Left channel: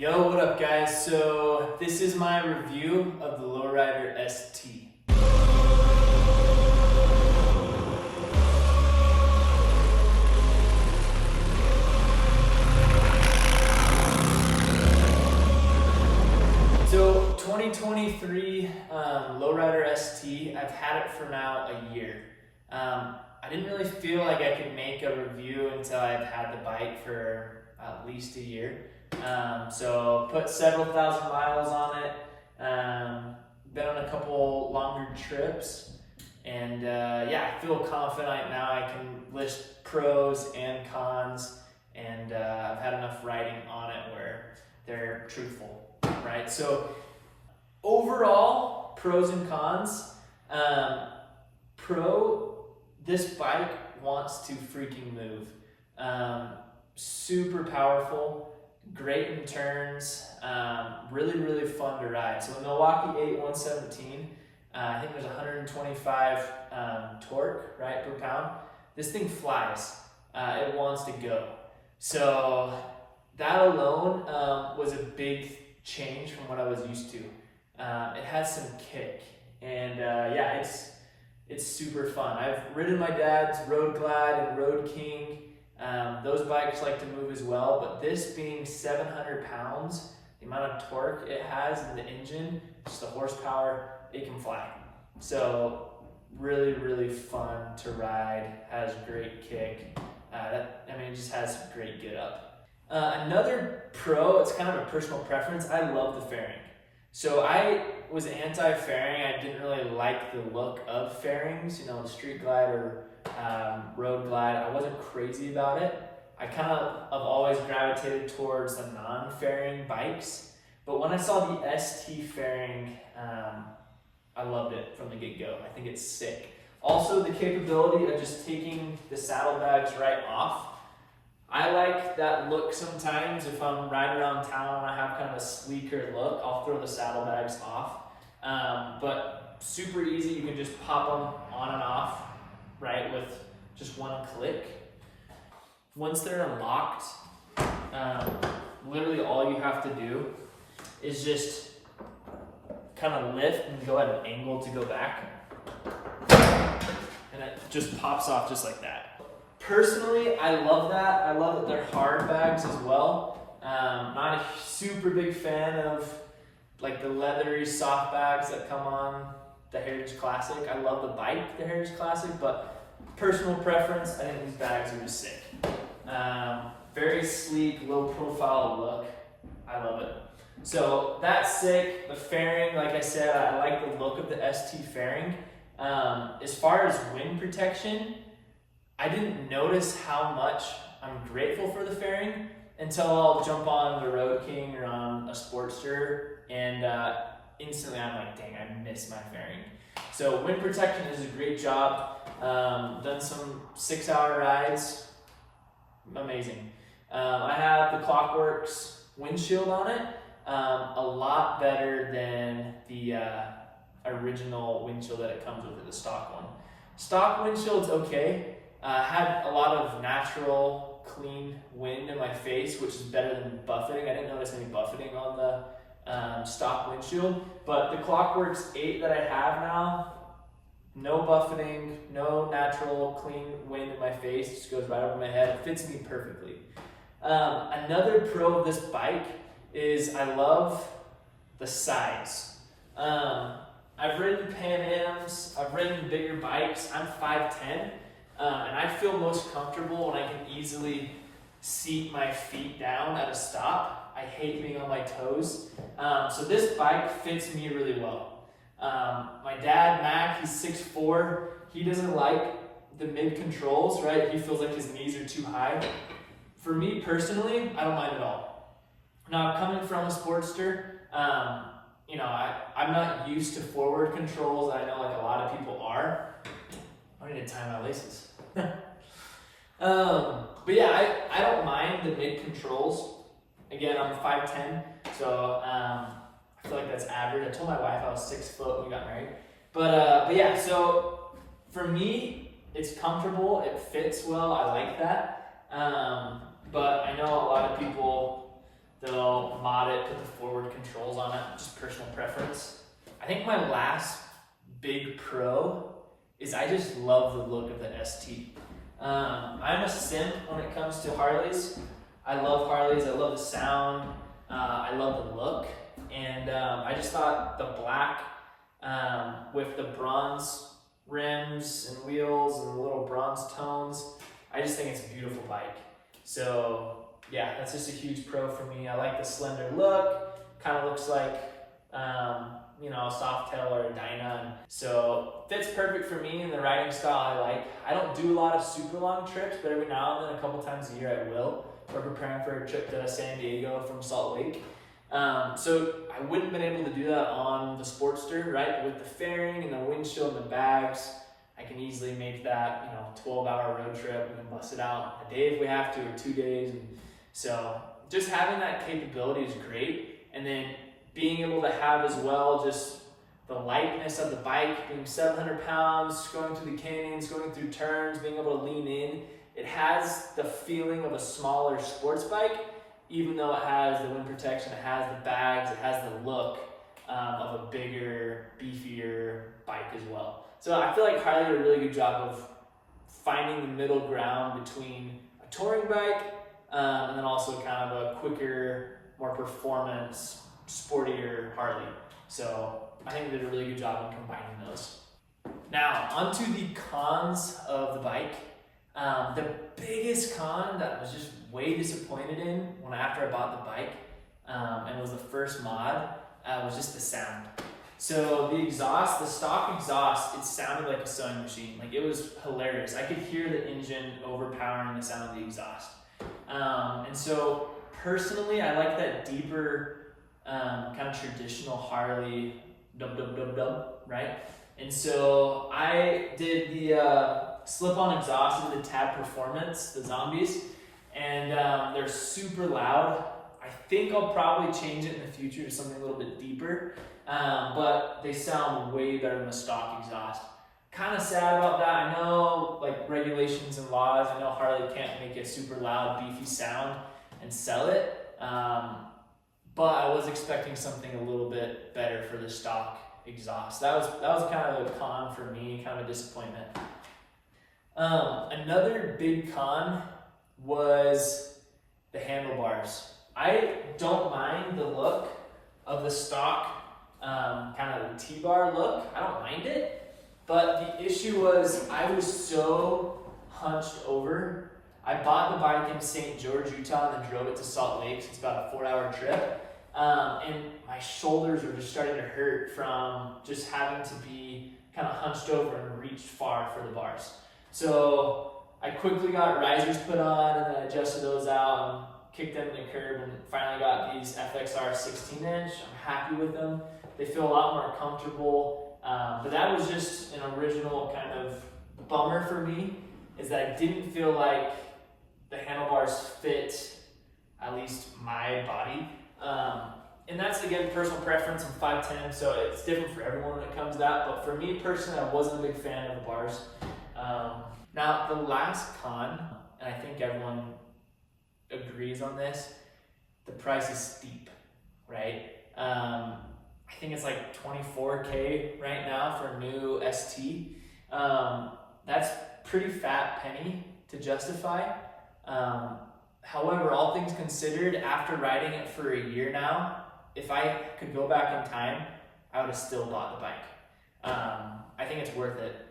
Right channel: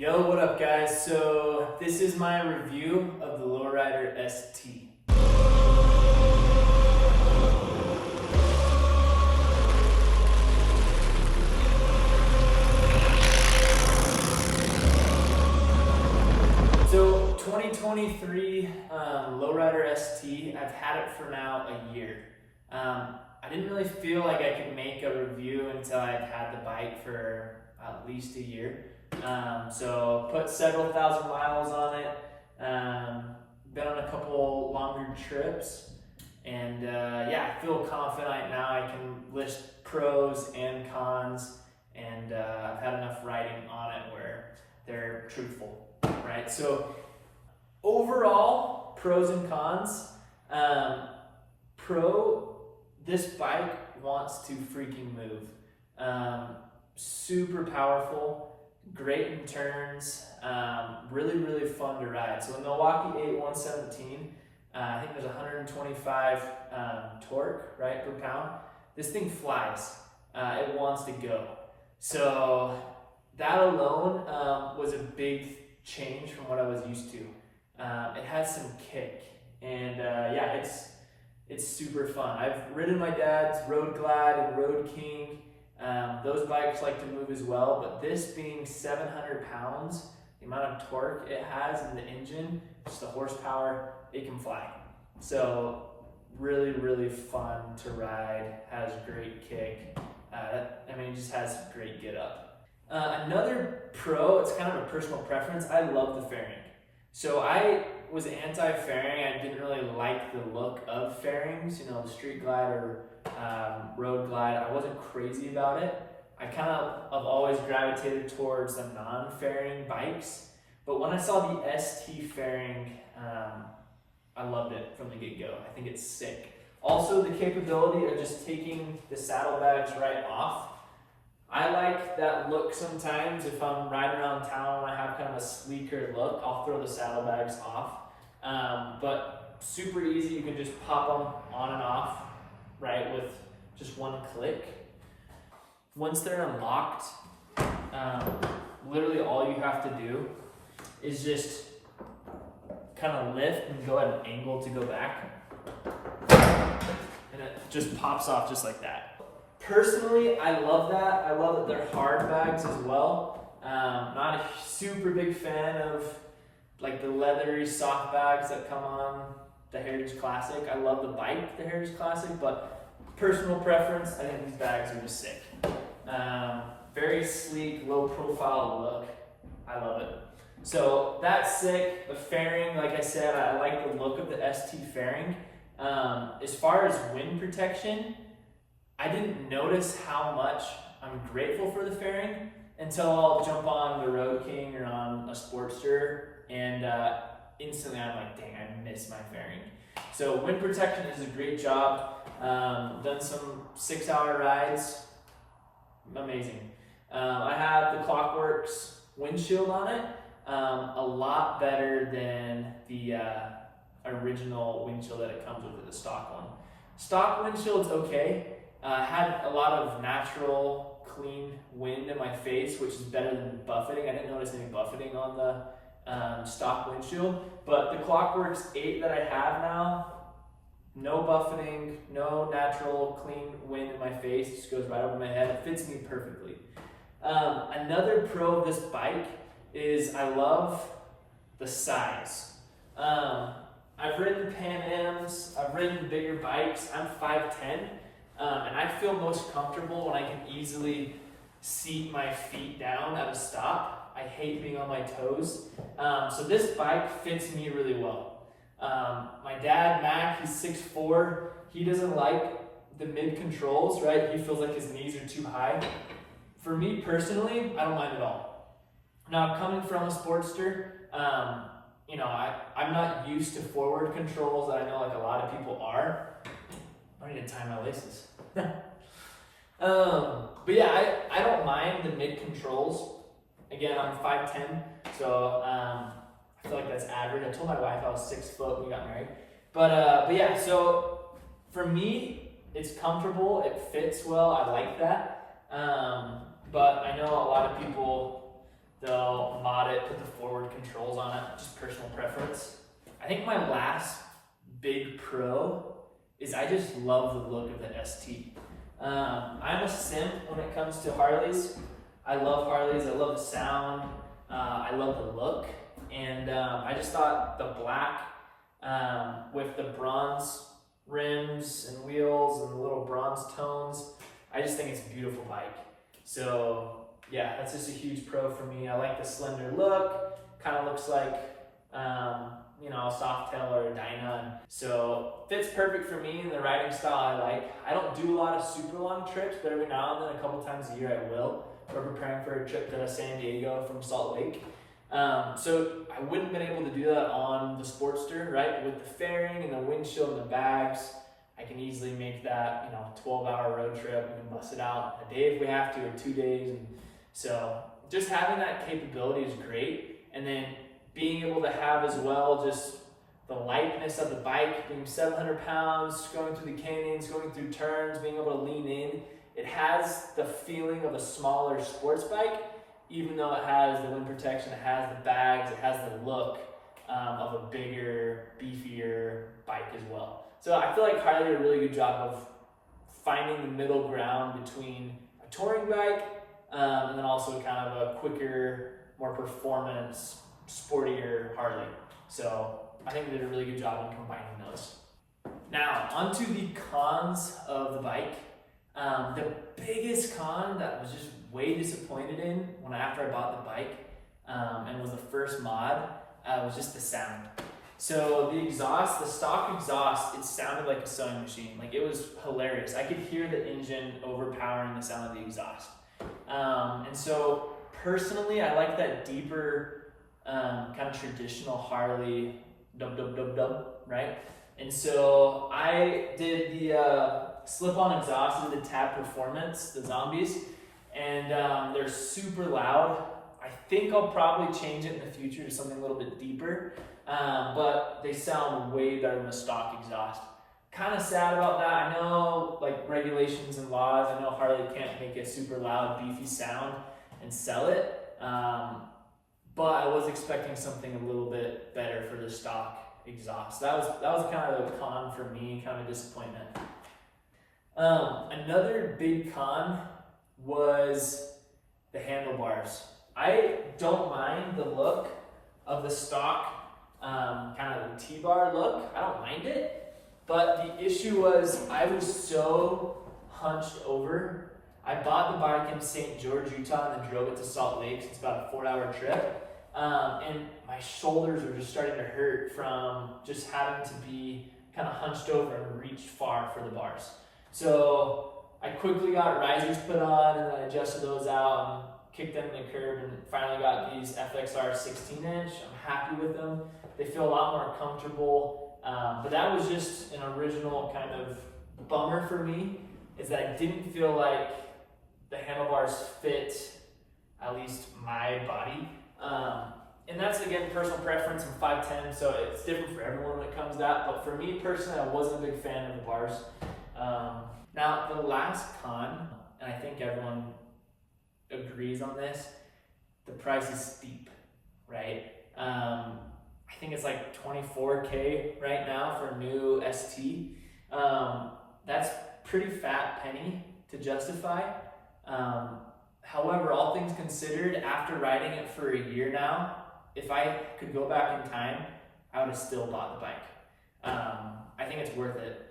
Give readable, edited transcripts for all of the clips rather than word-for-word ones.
Yo, what up guys? So this is my review of the Low Rider ST. So 2023 Low Rider ST, I've had it for now a year. I didn't really feel like I could make a review until I'd had the bike for at least a year. So put several thousand miles on it, been on a couple longer trips, and yeah, I feel confident now I can list pros and cons, and I've had enough writing on it where they're truthful, right? So overall, pros and cons. This bike wants to freaking move. Super powerful, great in turns, really fun to ride. So the Milwaukee 8 117, I think there's 125 torque, right, per pound. This thing flies. It wants to go. So that alone was a big change from what I was used to. It has some kick, and yeah, it's super fun. I've ridden my dad's Road Glad and Road King. Those bikes like to move as well, but this being 700 pounds, the amount of torque it has in the engine, just the horsepower, it can fly. So really fun to ride, has great kick. It just has great get up. Another pro, it's kind of a personal preference, I love the fairing. So I was anti-fairing. I didn't really like the look of fairings, the Street Glide or Road Glide. I wasn't crazy about it. I kind of have always gravitated towards the non-fairing bikes, but when I saw the ST fairing, I loved it from the get-go. I think it's sick. Also, the capability of just taking the saddlebags right off. I like that look sometimes. If I'm riding around town and I have kind of a sleeker look, I'll throw the saddlebags off. But super easy, you can just pop them on and off, right, with just one click. Once they're unlocked, literally all you have to do is just kind of lift and go at an angle to go back. And it just pops off just like that. Personally, I love that. I love that they're hard bags as well. Not a super big fan of like the leathery soft bags that come on the Heritage Classic. I love the bike, the Heritage Classic, but personal preference, I think these bags are just sick. Very sleek, low profile look. I love it. So that's sick. The fairing, like I said, I like the look of the ST fairing. As far as wind protection, I didn't notice how much I'm grateful for the fairing until I'll jump on the Road King or on a Sportster, and instantly I'm like, dang, I miss my fairing. So wind protection is a great job. Done some 6-hour rides, amazing. I have the Clockworks windshield on it, a lot better than the original windshield that it comes with, the stock one. Stock windshield's okay. Had a lot of natural, clean wind in my face, which is better than buffeting. I didn't notice any buffeting on the stock windshield, but the Clockworks 8 that I have now, no buffeting, no natural, clean wind in my face. It just goes right over my head. It fits me perfectly. Another pro of this bike is I love the size. I've ridden Pan Ams, I've ridden bigger bikes. I'm 5'10". And I feel most comfortable when I can easily seat my feet down at a stop. I hate being on my toes. So this bike fits me really well. My dad, Mac, he's 6'4". He doesn't like the mid controls, right? He feels like his knees are too high. For me personally, I don't mind at all. Now, coming from a Sportster, I'm not used to forward controls. I know like a lot of people are. I need to tie my laces. But yeah, I don't mind the mid controls. Again, I'm 5'10", so I feel like that's average. I told my wife I was 6 foot when we got married. But yeah, so for me, it's comfortable. It fits well. I like that. But I know a lot of people they'll mod it, put the forward controls on it, just personal preference. I think my last big pro is I just love the look of the ST. I'm a simp when it comes to Harleys. I love Harleys, I love the sound, I love the look, and I just thought the black with the bronze rims and wheels and the little bronze tones, I just think it's a beautiful bike. So yeah, that's just a huge pro for me. I like the slender look, kind of looks like you know, a Softail or a Dyna. So fits perfect for me and the riding style I like. I don't do a lot of super long trips, but every now and then, a couple times a year I will. We're preparing for a trip to San Diego from Salt Lake. So I wouldn't have been able to do that on the Sportster, right? With the fairing and the windshield and the bags, I can easily make that, you know, 12-hour road trip. We can bust it out a day if we have to, or 2 days. And so just having that capability is great. And then being able to have as well just the lightness of the bike, being 700 pounds, going through the canyons, going through turns, being able to lean in. It has the feeling of a smaller sports bike, even though it has the wind protection, it has the bags, it has the look of a bigger, beefier bike as well. So I feel like Harley did a really good job of finding the middle ground between a touring bike and then also kind of a quicker, more performance, sportier Harley. So I think they did a really good job in combining those. Now, onto the cons of the bike. The biggest con that I was just way disappointed in after I bought the bike and was the first mod was just the sound. So the exhaust, the stock exhaust, it sounded like a sewing machine. Like, it was hilarious. I could hear the engine overpowering the sound of the exhaust. And so personally, I like that deeper kind of traditional Harley dub, right? And so I did the slip-on exhaust with the Tab Performance, the Zombies, and they're super loud. I think I'll probably change it in the future to something a little bit deeper, but they sound way better than the stock exhaust. Kind of sad about that. I know, like, regulations and laws, I know Harley can't make a super loud, beefy sound and sell it, but I was expecting something a little bit better for the stock exhaust. That was kind of a con for me, kind of a disappointment. Another big con was the handlebars. I don't mind the look of the stock, kind of the T-bar look. I don't mind it, but the issue was I was so hunched over. I bought the bike in St. George, Utah, and then drove it to Salt Lake. So it's about a 4-hour trip. And my shoulders were just starting to hurt from just having to be kind of hunched over and reach far for the bars. So I quickly got risers put on and then adjusted those out and kicked them in the curb and finally got these FXR 16-inch. I'm happy with them. They feel a lot more comfortable. But that was just an original kind of bummer for me, is that I didn't feel like the handlebars fit at least my body. And that's, again, personal preference. I'm 5'10", so it's different for everyone when it comes to that. But for me personally, I wasn't a big fan of the bars. Now, the last con, and I think everyone agrees on this, the price is steep, right? I think it's like $24K right now for a new ST. That's pretty fat penny to justify. However, all things considered, after riding it for a year now, if I could go back in time, I would have still bought the bike. I think it's worth it.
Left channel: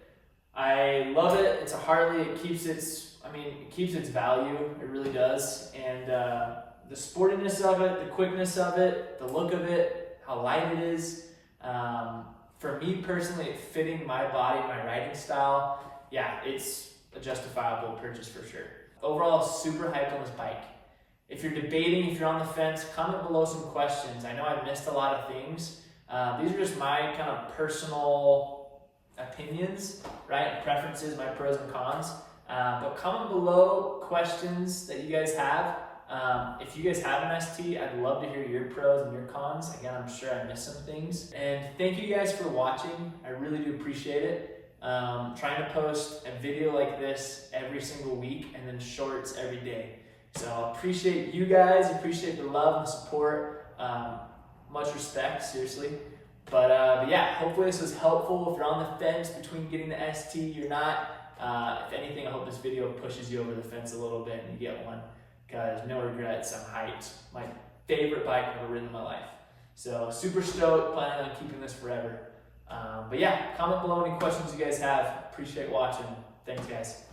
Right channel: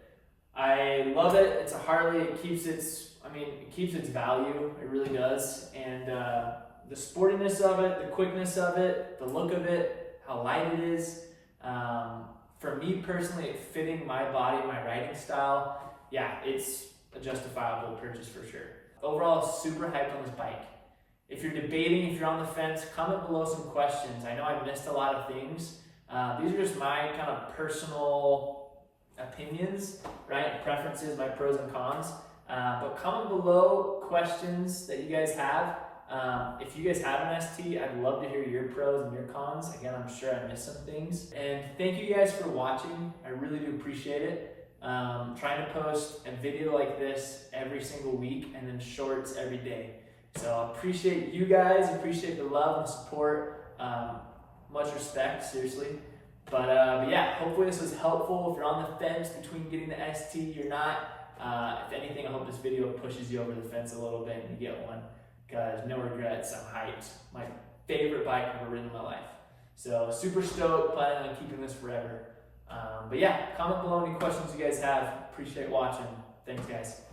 I love it. It's a Harley. It keeps its value. It really does. And the sportiness of it, the quickness of it, the look of it, how light it is. For me personally, it fitting my body, my riding style. Yeah, it's a justifiable purchase for sure. Overall, super hyped on this bike. If you're debating, if you're on the fence, comment below some questions. I know I missed a lot of things. These are just my kind of personal opinions, right? Preferences, my pros and cons. But comment below questions that you guys have. If you guys have an ST, I'd love to hear your pros and your cons. Again, I'm sure I missed some things. And thank you guys for watching. I really do appreciate it. Trying to post a video like this every single week and then shorts every day. So I appreciate you guys, appreciate the love and support. Much respect, seriously. But yeah, hopefully this was helpful. If you're on the fence between getting the ST, you're not. If anything, I hope this video pushes you over the fence a little bit and you get one, because no regrets, I'm hyped. My favorite bike I've ever ridden in my life. So super stoked, planning on keeping this forever. But yeah, comment below any questions you guys have. Appreciate watching. Thanks, guys.